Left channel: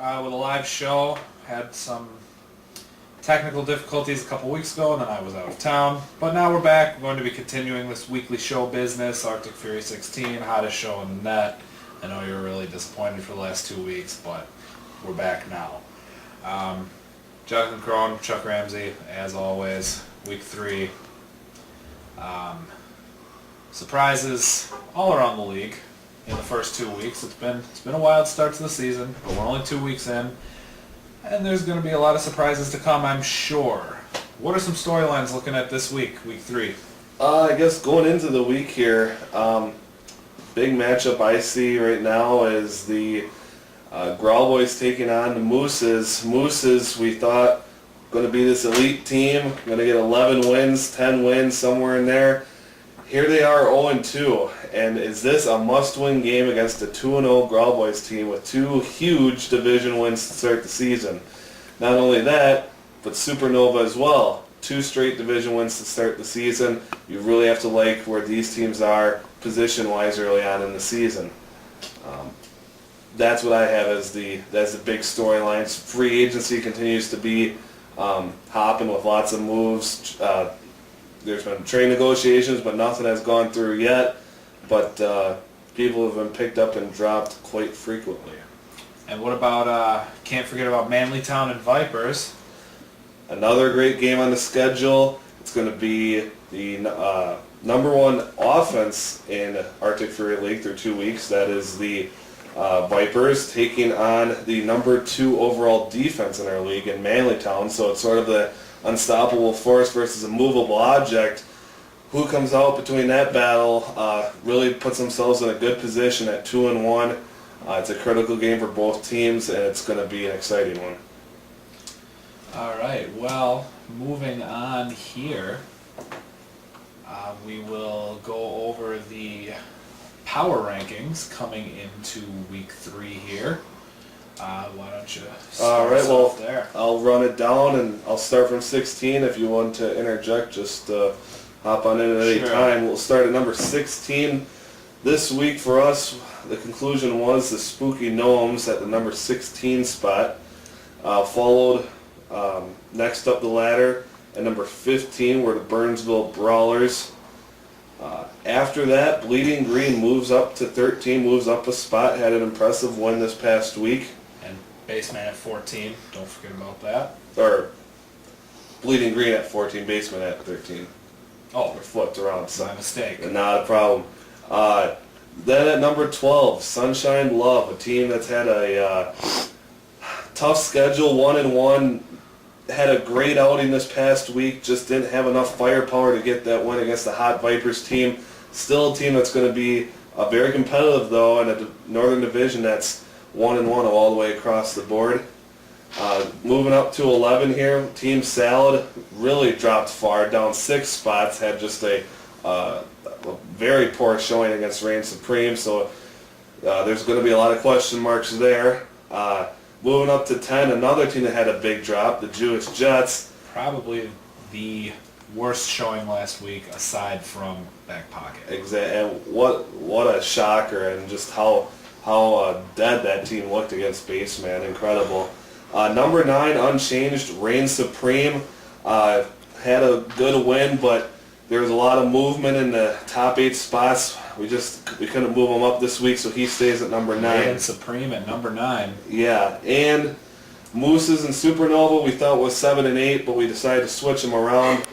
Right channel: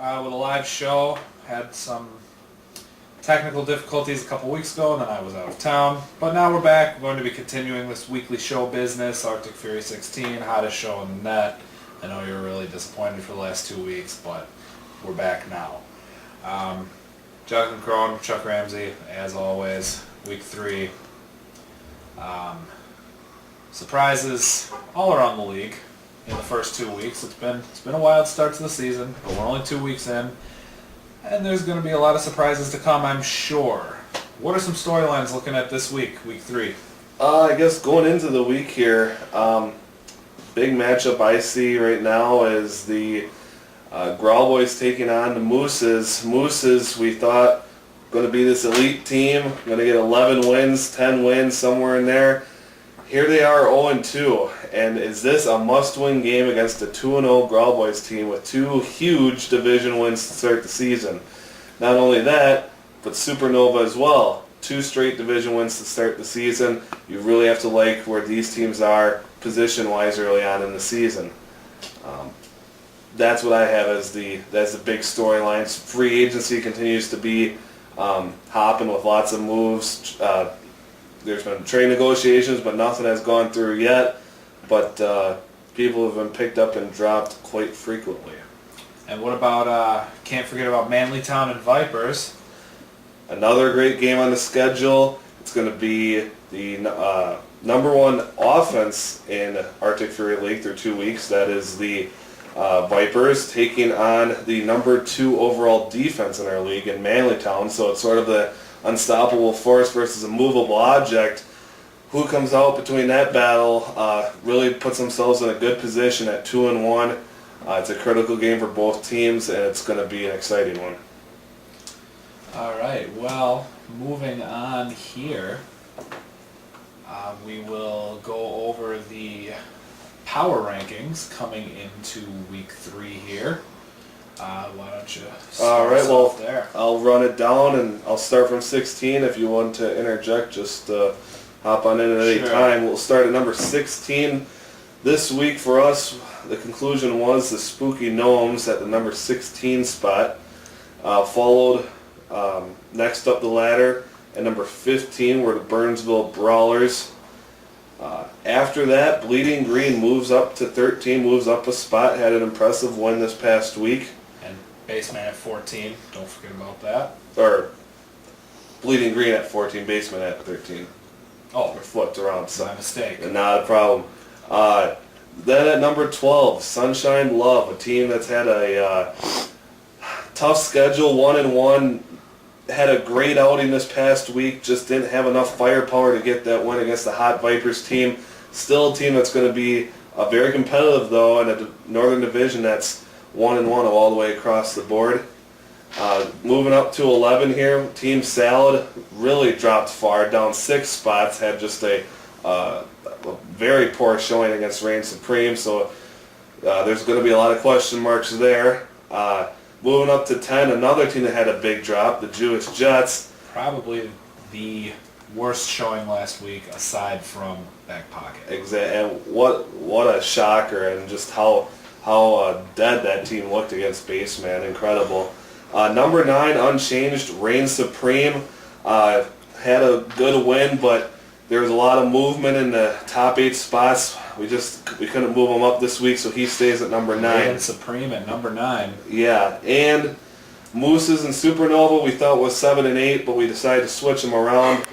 with a live show. Had some technical difficulties a couple weeks ago, and then I was out of town. But now we're back. We're going to be continuing this weekly show business, Arctic Fury 16, hottest show in the net. I know you were really disappointed for the last 2 weeks, but we're back now. Jonathan Crone, Chuck Ramsey, as always, week 3. Surprises all around the league in the first 2 weeks. It's been a wild start to the season, but we're only 2 weeks in, and there's going to be a lot of surprises to come, I'm sure. What are some storylines looking at this week, week 3? I guess going into the week here, big matchup I see right now is the Growl Boys taking on the Mooses. Mooses, we thought, going to be this elite team, going to get 11 wins, 10 wins, somewhere in there. Here they are 0-2, and is this a must-win game against a 2-0 Growl Boys team with 2 huge division wins to start the season? Not only that, but Supernova as well. 2 straight division wins to start the season. You really have to like where these teams are position-wise early on in the season. That's what I have as the big storylines. Free agency continues to be hopping with lots of moves. There's been trade negotiations, but nothing has gone through yet. But people have been picked up and dropped quite frequently. And what about, can't forget about Manlytown and Vipers. Another great game on the schedule. It's going to be the number 1 offense in Arctic Fury League through 2 weeks. That is the Vipers taking on the number 2 overall defense in our league in Manlytown. So it's sort of the unstoppable force versus a movable object. Who comes out between that battle really puts themselves in a good position at 2-1. It's a critical game for both teams, and it's going to be an exciting one. All right, well, moving on here, we will go over the power rankings coming into week 3 here. Why don't you start us off there? I'll run it down, and I'll start from 16. If you want to interject, just hop on in at any time. We'll start at number 16. This week for us, the conclusion was the Spooky Gnomes at the number 16 spot, followed next up the ladder at number 15 were the Burnsville Brawlers. After that, Bleeding Green moves up to 13, moves up a spot, had an impressive win this past week. And Baseman at 14, don't forget about that. Or Bleeding Green at 14, Baseman at 13. Oh, we're flipped around. So my mistake. Not a problem. Then at number 12, Sunshine Love, a team that's had a tough schedule, 1-1. Had a great outing this past week, just didn't have enough firepower to get that win against the Hot Vipers team. Still a team that's going to be very competitive, though, in a Northern Division that's 1-1 all the way across the board. Moving up to 11 here, Team Salad really dropped far, down 6 spots, had just a very poor showing against Reign Supreme, so there's going to be a lot of question marks there. Moving up to 10, another team that had a big drop, the Jewish Jets. Probably the worst showing last week, aside from Back Pocket. Exactly, and what a shocker, and just how dead that team looked against Baseman. Incredible. Number 9, unchanged, Reign Supreme. Had a good win, but there was a lot of movement in the top 8 spots. We couldn't move him up this week, so he stays at number 9. Reign Supreme at number 9. Yeah, and Mooses and Supernova we thought was 7 and 8, but we decided to switch them around.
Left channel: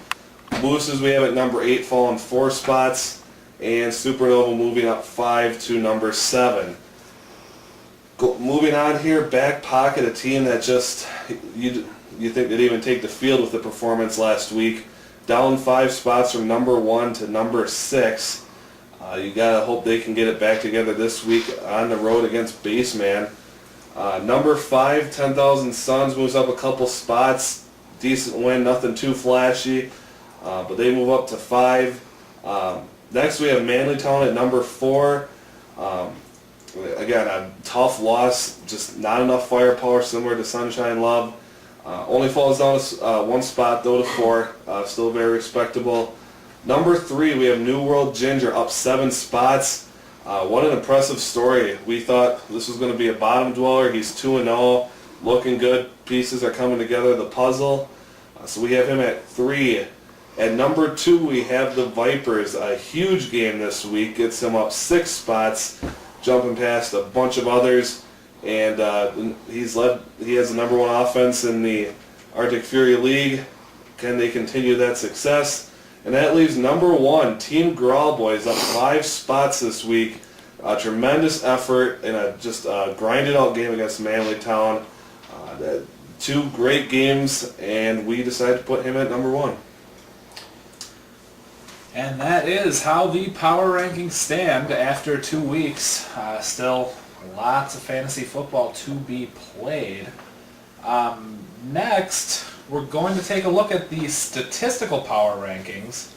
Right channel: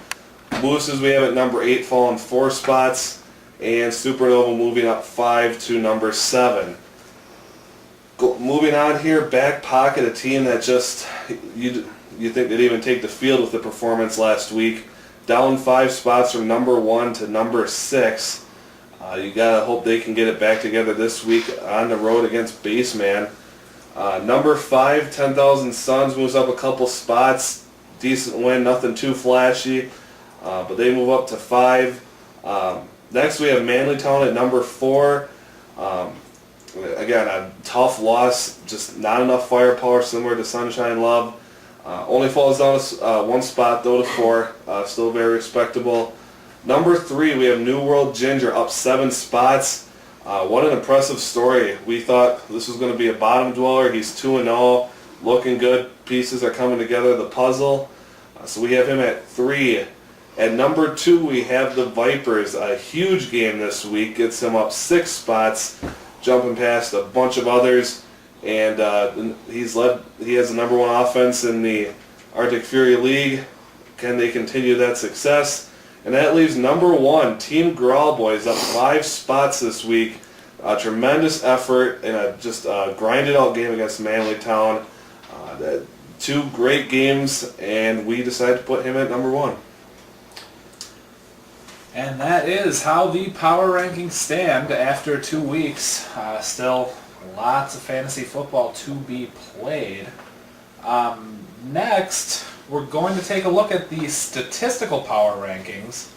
Mooses we have at number 8, falling 4 spots, and Supernova moving up 5 to number 7. Moving on here, Back Pocket, a team that just you think they'd even take the field with the performance last week. Down 5 spots from number 1 to number 6. You gotta hope they can get it back together this week on the road against Baseman. Number 5, 10,000 Suns moves up a couple spots. Decent win, nothing too flashy, but they move up to 5. Next we have Manlytown at number 4. Again, a tough loss, just not enough firepower, similar to Sunshine Love. Only falls down 1 spot though to 4, still very respectable. Number 3, we have New World Ginger up 7 spots. What an impressive story. We thought this was going to be a bottom dweller. He's 2-0. looking good. Pieces are coming together, the puzzle. So we have him at 3. At number 2, we have the Vipers. A huge game this week. Gets him up 6 spots, jumping past a bunch of others. And he has the number 1 offense in the Arctic Fury League. Can they continue that success? And that leaves number 1, Team Grawl Boys, up 5 spots this week. A tremendous effort in a just grinded out game against Manlytown. 2 great games, and we decided to put him at number 1. And that is how the power rankings stand after 2 weeks. Still lots of fantasy football to be played. Next, we're going to take a look at the statistical power rankings,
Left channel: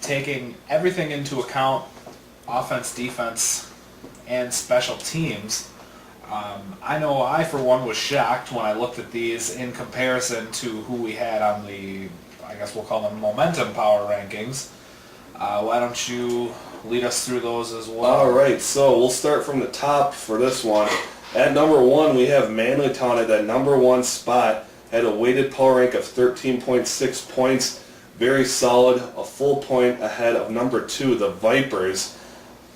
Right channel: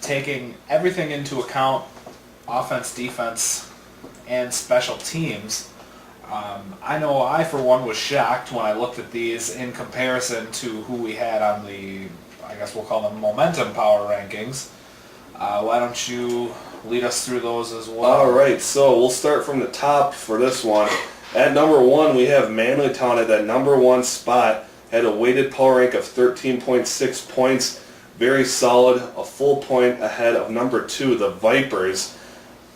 taking everything into account, offense, defense, and special teams. I know I, for one, was shocked when I looked at these in comparison to who we had on the, I guess we'll call them momentum power rankings. Why don't you lead us through those as well? All right, so we'll start from the top for this one. At number 1, we have Manlytown at that number 1 spot. Had a weighted power rank of 13.6 points. Very solid, a full point ahead of number 2, the Vipers,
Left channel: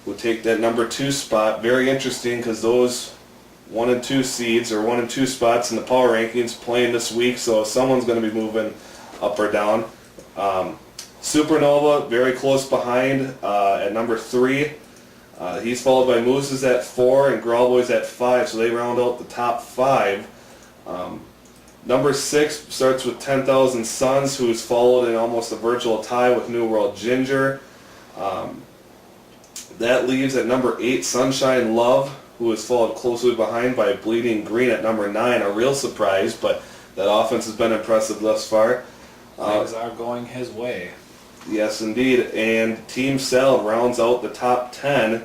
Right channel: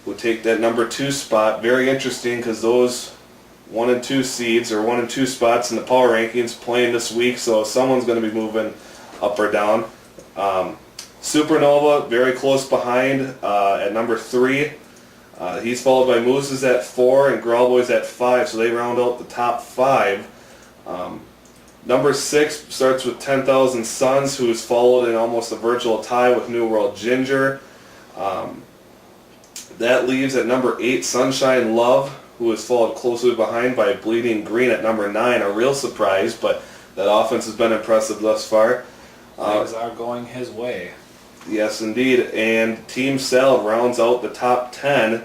who take that number 2 spot. Very interesting because those 1 and 2 seeds, or 1 and 2 spots in the power rankings playing this week, so someone's going to be moving up or down. Supernova, very close behind at number 3. He's followed by Mooses at 4 and Grawl Boys at 5, so they round out the top 5. Number 6 starts with 10,000 Suns, who is followed in almost a virtual tie with New World Ginger. That leaves at number 8 Sunshine Love, who is followed closely behind by Bleeding Green at number 9. A real surprise, but that offense has been impressive thus far. Things are going his way. Yes, indeed. And Team Salad rounds out the top 10.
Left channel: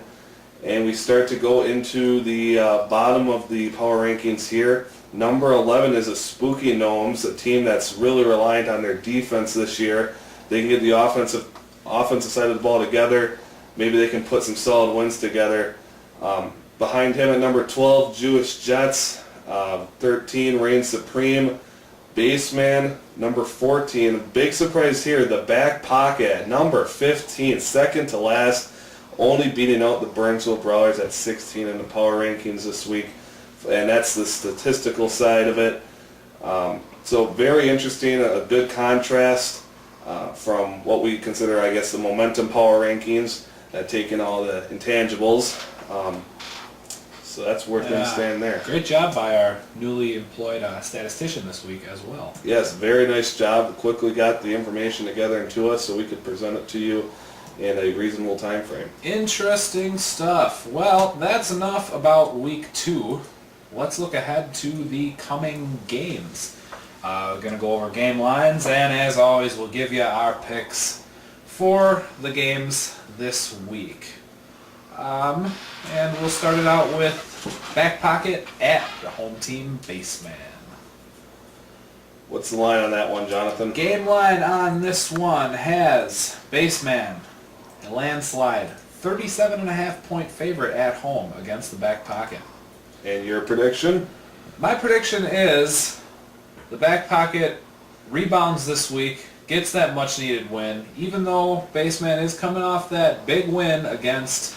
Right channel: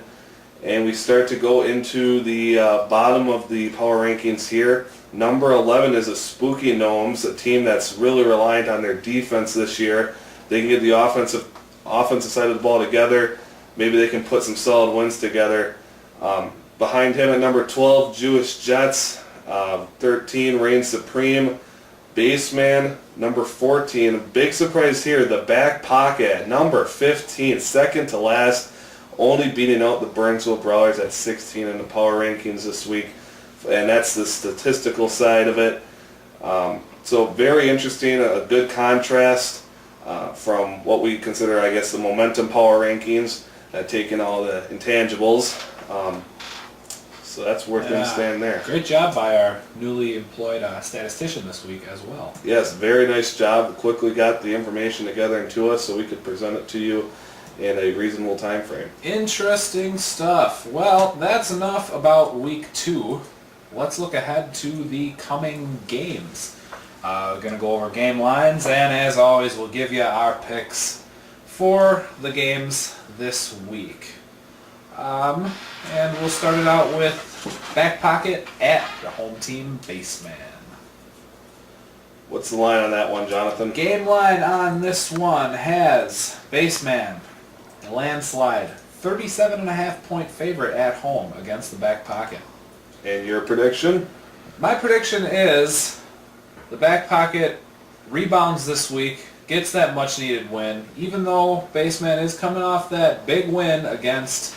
And we start to go into the bottom of the power rankings here. Number 11 is the Spooky Gnomes, a team that's really reliant on their defense this year. They can get the offensive side of the ball together. Maybe they can put some solid wins together. Behind him at number 12, Jewish Jets. 13, Reign Supreme. Baseman, number 14. Big surprise here, the Back Pocket at number 15, second to last. Only beating out the Burnsville Brawlers at 16 in the power rankings this week. And that's the statistical side of it. So very interesting, a good contrast from what we consider, I guess, the momentum power rankings, taking all the intangibles. So that's where things stand there. Great job by our newly employed statistician this week as well. Yes, very nice job. Quickly got the information together and to us so we could present it to you in a reasonable time frame. Interesting stuff. Well, that's enough about week 2. Let's look ahead to the coming games. We're going to go over game lines, and as always, we'll give you our picks for the games this week. And we'll start it out with Back Pocket at the home team Baseman. What's the line on that one, Jonathan? Game line on this one has Baseman, a landslide, 37.5 point favorite at home against the Back Pocket. And your prediction? My prediction is the Back Pocket rebounds this week, gets that much needed win, even though Baseman is coming off that big win against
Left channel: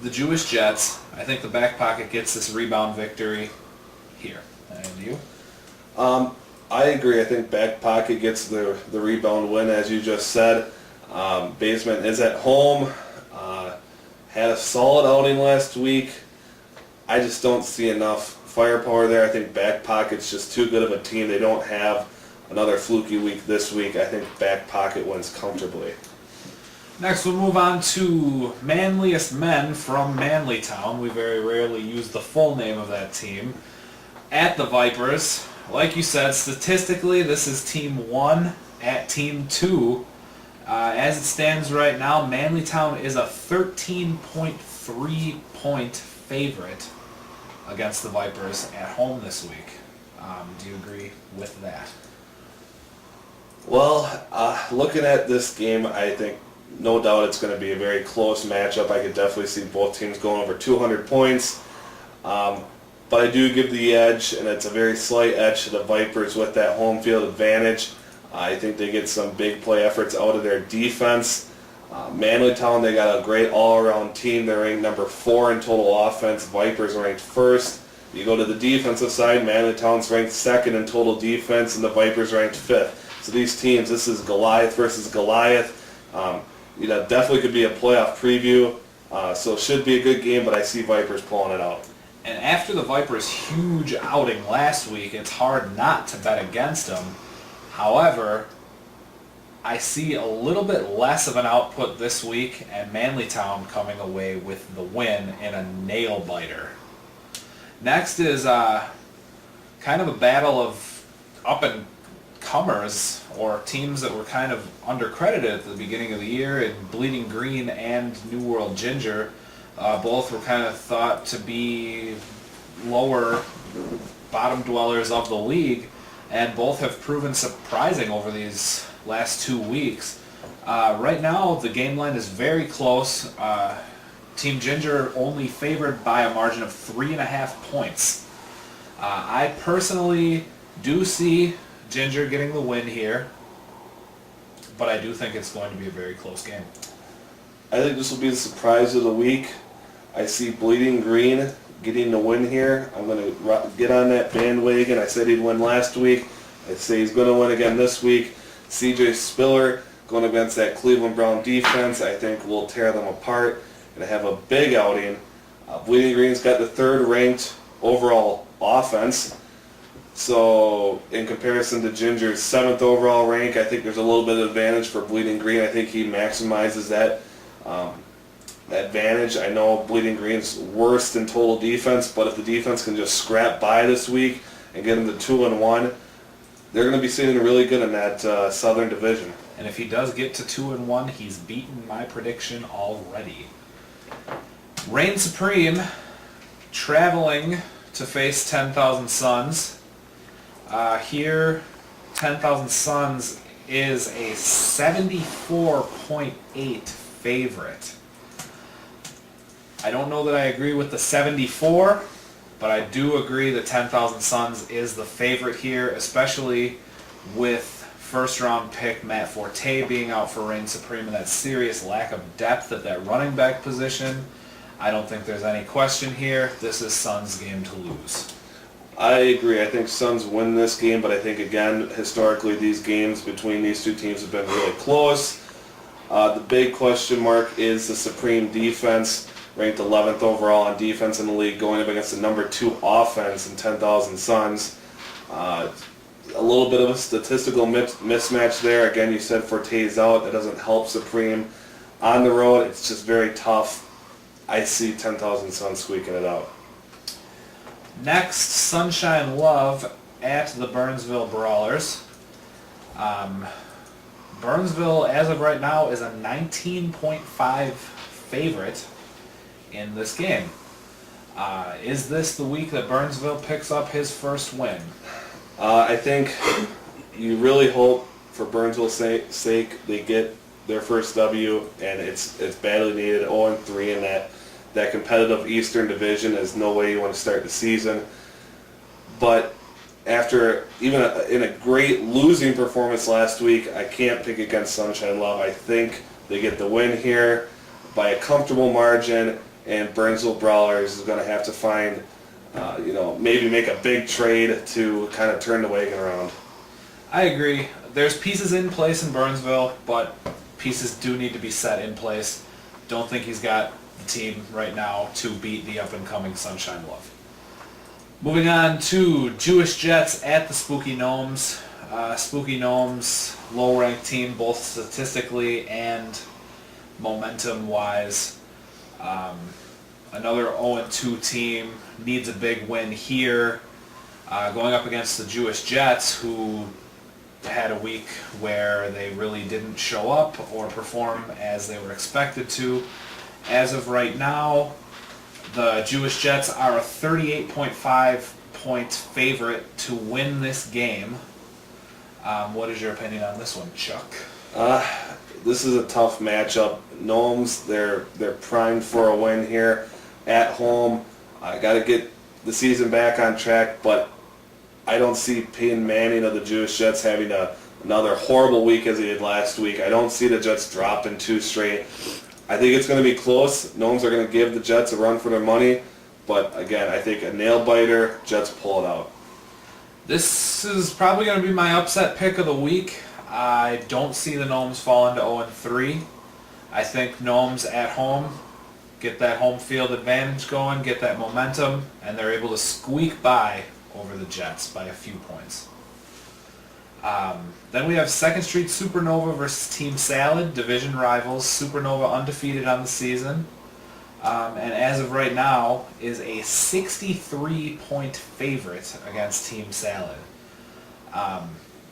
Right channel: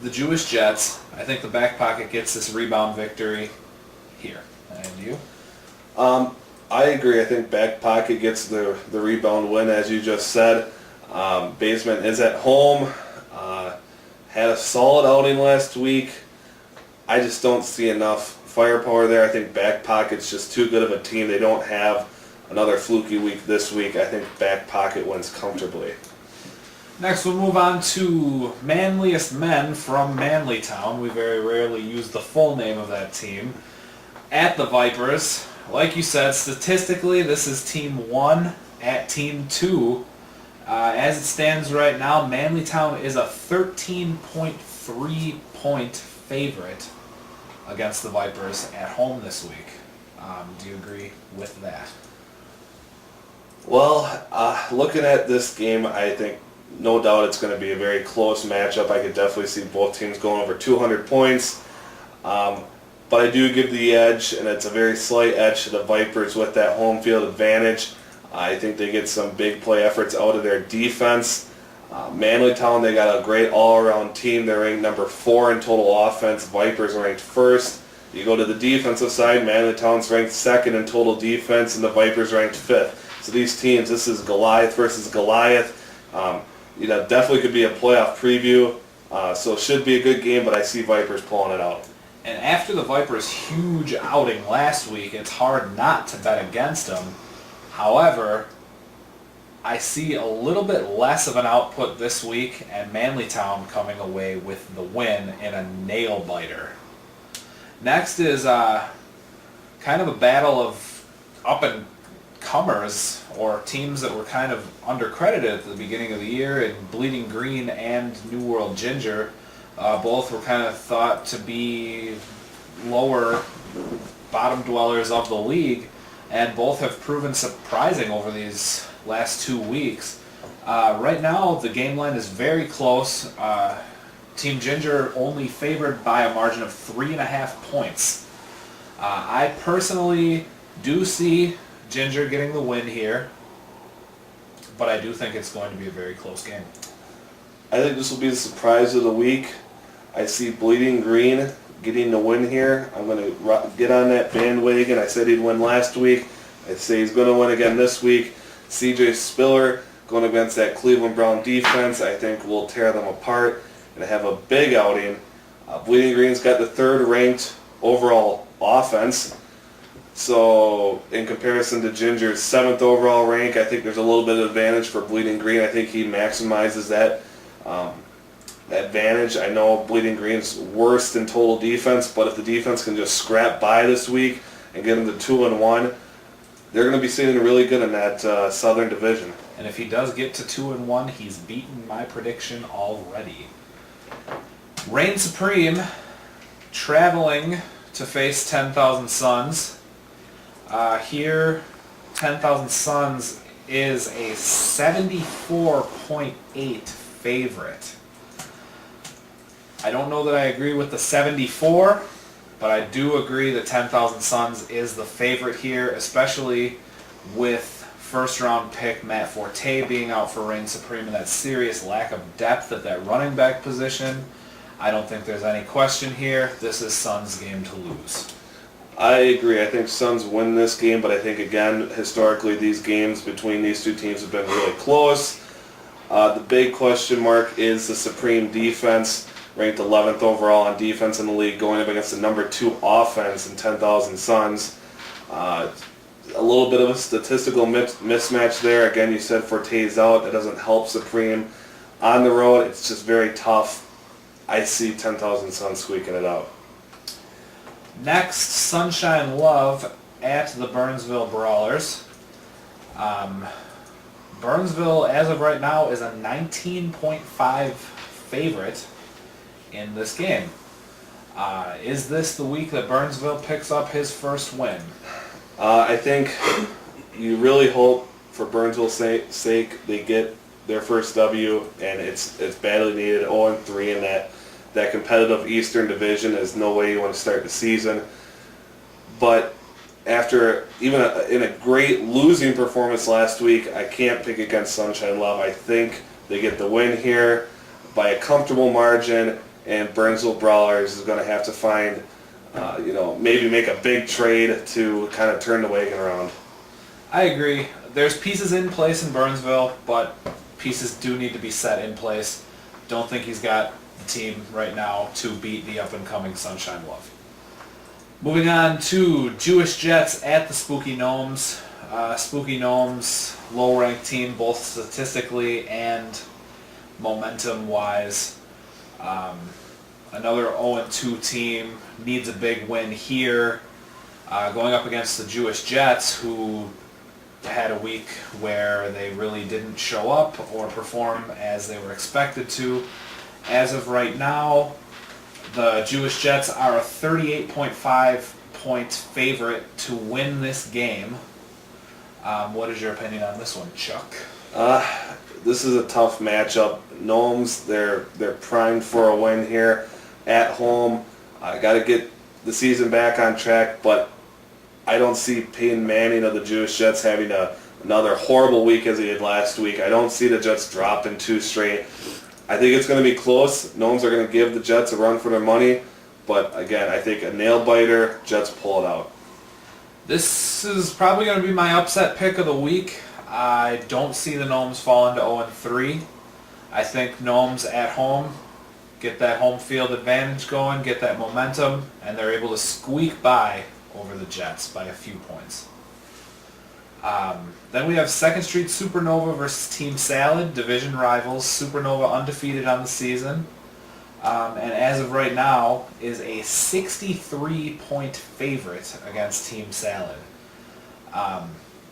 the Jewish Jets. I think the Back Pocket gets this rebound victory here. And you? I agree. I think Back Pocket gets the rebound win, as you just said. Baseman is at home. Had a solid outing last week. I just don't see enough firepower there. I think Back Pocket's just too good of a team. They don't have another fluky week this week. I think Back Pocket wins comfortably. Next, we'll move on to Manliest Men from Manlytown. We very rarely use the full name of that team. At the Vipers. Like you said, statistically, this is Team 1 at Team 2. As it stands right now, Manlytown is a 13.3 point favorite against the Vipers at home this week. Do you agree with that? Well, looking at this game, I think no doubt it's going to be a very close matchup. I could definitely see both teams going over 200 points. but I do give the edge, and it's a very slight edge to the Vipers with that home field advantage. I think they get some big play efforts out of their defense. Manlytown, they got a great all-around team. They're ranked number 4 in total offense. Vipers are ranked 1st. You go to the defensive side, Manlytown's ranked 2nd in total defense, and the Vipers ranked 5th. So these teams, this is Goliath versus Goliath. Definitely could be a playoff preview. So it should be a good game, but I see Vipers pulling it out. And after the Vipers' huge outing last week, it's hard not to bet against them. However, I see a little bit less of an output this week, and Manlytown coming away with the win in a nail-biter. Next is kind of a battle of up-and-comers, or teams that were kind of undercredited at the beginning of the year, in Bleeding Green and New World Ginger. Both were kind of thought to be lower bottom dwellers of the league, and both have proven surprising over these last 2 weeks. Right now, the game line is very close. Team Ginger only favored by a margin of 3.5 points. I personally do see Ginger getting the win here, but I do think it's going to be a very close game. I think this will be the surprise of the week. I see Bleeding Green getting the win here. I'm going to get on that bandwagon. I said he'd win last week. I say he's going to win again this week. CJ Spiller going against that Cleveland Brown defense, I think will tear them apart and have a big outing. Bleeding Green's got the 3rd ranked overall offense. So in comparison to Ginger's 7th overall rank, I think there's a little bit of advantage for Bleeding Green. I think he maximizes that advantage. I know Bleeding Green's worst in total defense, but if the defense can just scrap by this week and get them to 2-1, they're going to be sitting really good in that Southern Division. And if he does get to 2-1, he's beaten my prediction already. Reign Supreme traveling to face 10,000 Suns. Here, 10,000 Suns is a 74.8 favorite. I don't know that I agree with the 74, but I do agree that 10,000 Suns is the favorite here, especially with first-round pick Matt Forte being out for Reign Supreme and that serious lack of depth at that running back position. I don't think there's any question here. This is Suns' game to lose. I agree. I think Suns win this game, but I think, again, historically, these games between these two teams have been really close. The big question mark is the Supreme defense, ranked 11th overall on defense in the league, going up against the number 2 offense in 10,000 Suns. A little bit of a statistical mismatch there. Again, you said Forte's out. That doesn't help Supreme. On the road, it's just very tough. I see 10,000 Suns squeaking it out. Next, Sunshine Love at the Burnsville Brawlers. Burnsville, as of right now, is a 19.5 favorite in this game. Is this the week that Burnsville picks up his first win? I think you really hope for Burnsville's sake they get their first W, and it's badly needed. 0-3 in that competitive Eastern Division is no way you want to start the season. But after even in a great losing performance last week, I can't pick against Sunshine Love. I think they get the win here by a comfortable margin, and Burnsville Brawlers is going to have to find, maybe make a big trade to kind of turn the wagon around. I agree. There's pieces in place in Burnsville, but pieces do need to be set in place. Don't think he's got the team right now to beat the up-and-coming Sunshine Love. Moving on to Jewish Jets at the Spooky Gnomes. Spooky Gnomes, low-ranked team, both statistically and momentum-wise. Another 0-2 team needs a big win here, going up against the Jewish Jets, who had a week where they really didn't show up or perform as they were expected to. As of right now, the Jewish Jets are a 38.5 point favorite to win this game. What is your opinion on this one, Chuck? This is a tough matchup. Gnomes, they're primed for a win here at home. I got to get the season back on track, but I don't see Peyton Manning of the Jewish Jets having another horrible week as he did last week. I don't see the Jets dropping 2 straight. I think it's going to be close. Gnomes are going to give the Jets a run for their money, but again, I think a nail-biter, Jets pull it out. This is probably going to be my upset pick of the week. I don't see the Gnomes falling to 0-3. I think Gnomes at home get that home field advantage going, get that momentum, and they're able to squeak by over the Jets by a few points. Then we have 2nd Street Supernova versus Team Salad, division rivals. Supernova undefeated on the season, and as of right now is a 63-point favorite against Team Salad.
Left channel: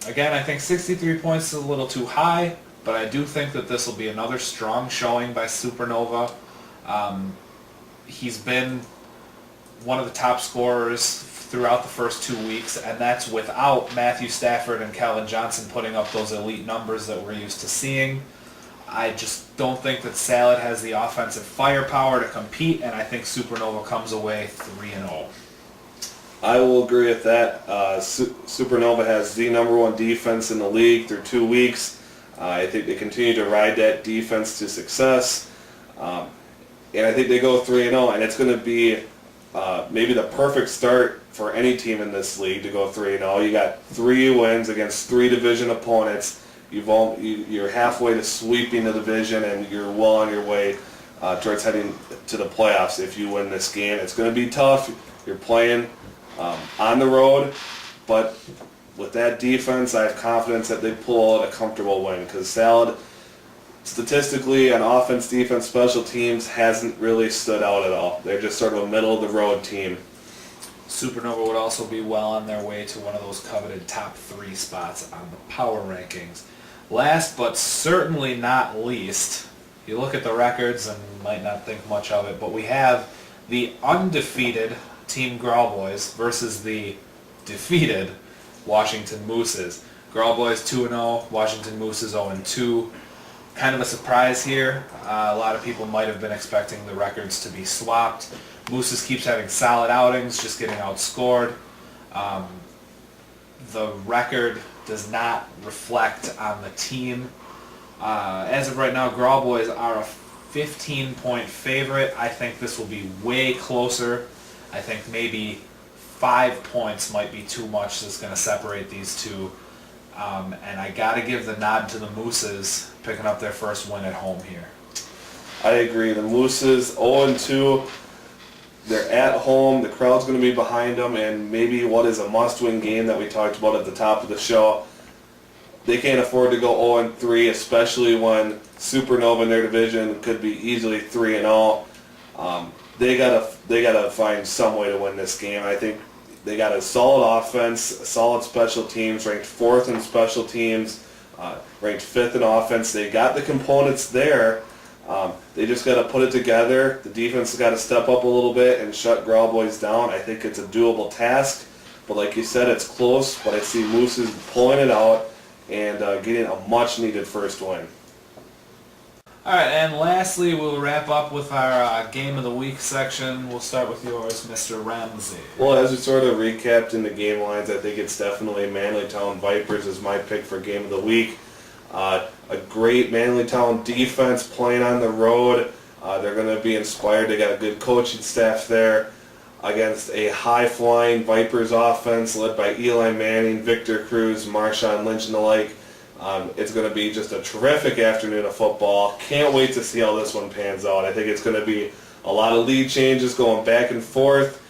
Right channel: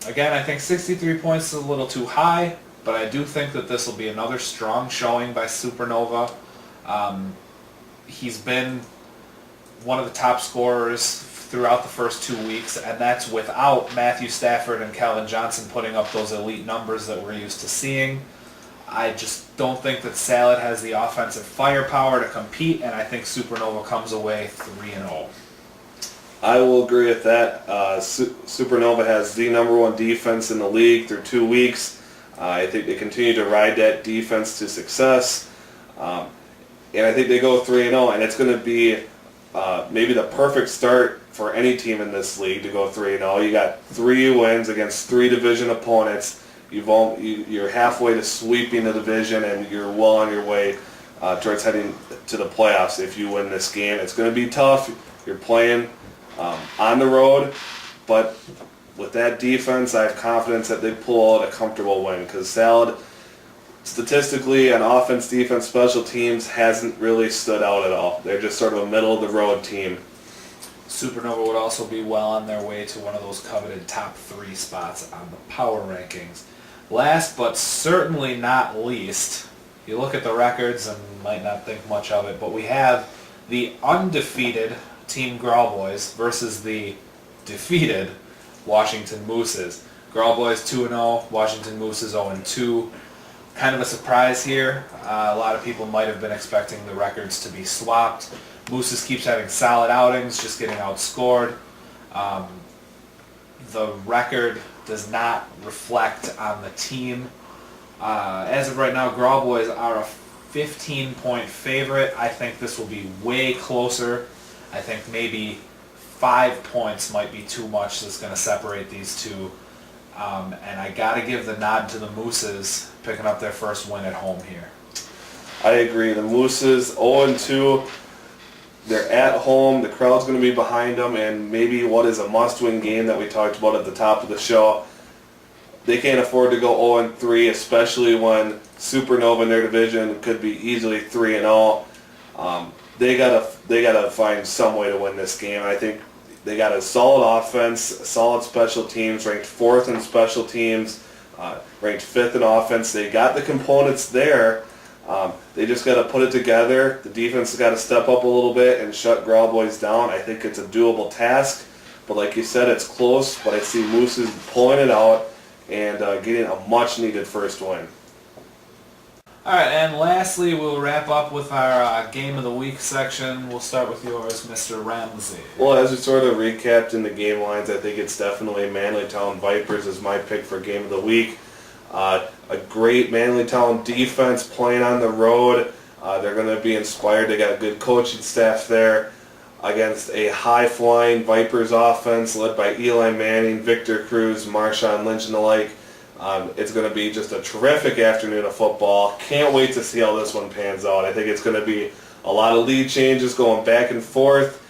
Again, I think 63 points is a little too high, but I do think that this will be another strong showing by Supernova. He's been one of the top scorers throughout the first 2 weeks, and that's without Matthew Stafford and Calvin Johnson putting up those elite numbers that we're used to seeing. I just don't think that Salad has the offensive firepower to compete, and I think Supernova comes away 3-0. I will agree with that. Supernova has the #1 defense in the league through 2 weeks. I think they continue to ride that defense to success. And I think they go 3-0, and it's going to be maybe the perfect start for any team in this league to go 3-0. You got 3 wins against 3 division opponents. You're halfway to sweeping the division, and you're well on your way towards heading to the playoffs if you win this game. It's going to be tough. You're playing on the road, but with that defense, I have confidence that they pull out a comfortable win, because Salad, statistically, on offense, defense, special teams, hasn't really stood out at all. They're just sort of a middle-of-the-road team. Supernova would also be well on their way to one of those coveted top 3 spots on the power rankings. Last but certainly not least, you look at the records and might not think much of it, but we have the undefeated Team Growlboys versus the defeated Washington Mooses. Growlboys 2-0, Washington Mooses 0-2. Kind of a surprise here. A lot of people might have been expecting the records to be swapped. Mooses keeps having solid outings, just getting outscored. The record does not reflect on the team. As of right now, Growlboys are a 15-point favorite. I think this will be way closer. I think maybe 5 points might be too much that's going to separate these two. And I got to give the nod to the Mooses picking up their first win at home here. I agree. The Mooses 0-2. They're at home. The crowd's going to be behind them, and maybe what is a must-win game that we talked about at the top of the show. They can't afford to go 0-3, especially when Supernova in their division could be easily 3-0. They gotta find some way to win this game. I think they got a solid offense, solid special teams, ranked 4th in special teams, ranked 5th in offense. They got the components there. They just got to put it together. The defense has got to step up a little bit and shut Growlboys down. I think it's a doable task. But like you said, it's close. But I see Mooses pulling it out and getting a much-needed first win. All right, and lastly, we'll wrap up with our Game of the Week section. We'll start with yours, Mr. Ramsey. Well, as we sort of recapped in the game lines, I think it's definitely Manlytown Vipers is my pick for Game of the Week. A great Manlytown defense playing on the road. They're going to be inspired. They got a good coaching staff there against a high-flying Vipers offense led by Eli Manning, Victor Cruz, Marshawn Lynch, and the like. It's going to be just a terrific afternoon of football. Can't wait to see how this one pans out. I think it's going to be a lot of lead changes going back and forth.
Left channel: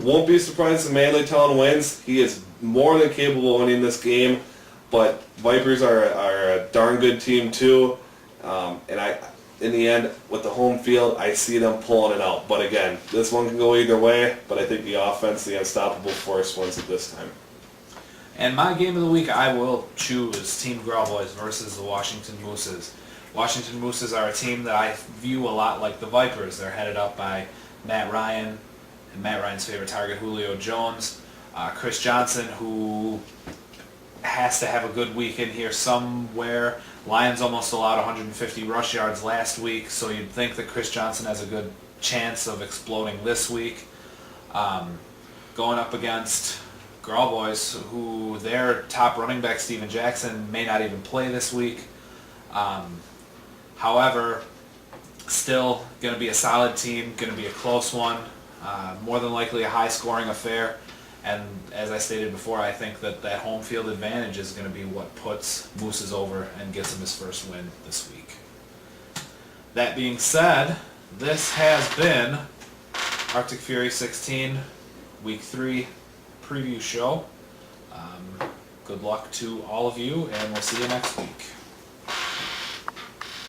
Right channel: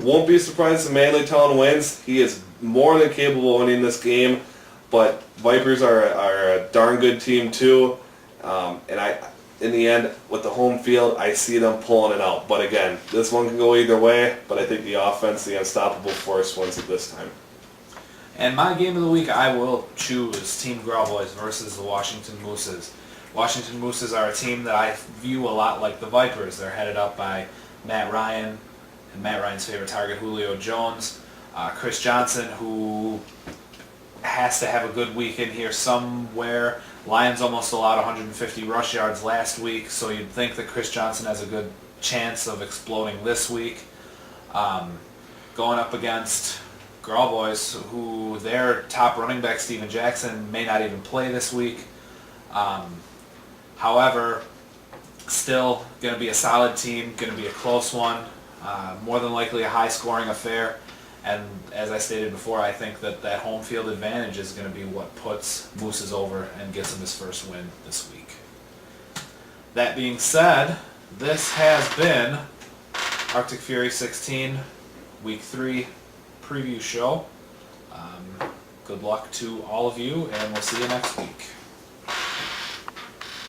Won't be surprised if Manlytown wins. He is more than capable of winning this game. But Vipers are a darn good team too, and in the end, with the home field, I see them pulling it out. But again, this one can go either way, but I think the offense, the unstoppable force, wins it this time. And my Game of the Week, I will choose Team Growlboys versus the Washington Mooses. Washington Mooses are a team that I view a lot like the Vipers. They're headed up by Matt Ryan, and Matt Ryan's favorite target, Julio Jones. Chris Johnson, who has to have a good week in here somewhere. Lions almost allowed 150 rush yards last week, so you'd think that Chris Johnson has a good chance of exploding this week. going up against Girl Boys, who their top running back, Steven Jackson, may not even play this week. However, still going to be a solid team, going to be a close one, more than likely a high-scoring affair. And as I stated before, I think that home field advantage is going to be what puts Mooses over and gets him his first win this week. That being said, this has been Arctic Fury 16 Week 3 preview show. Good luck to all of you, and we'll see you next week.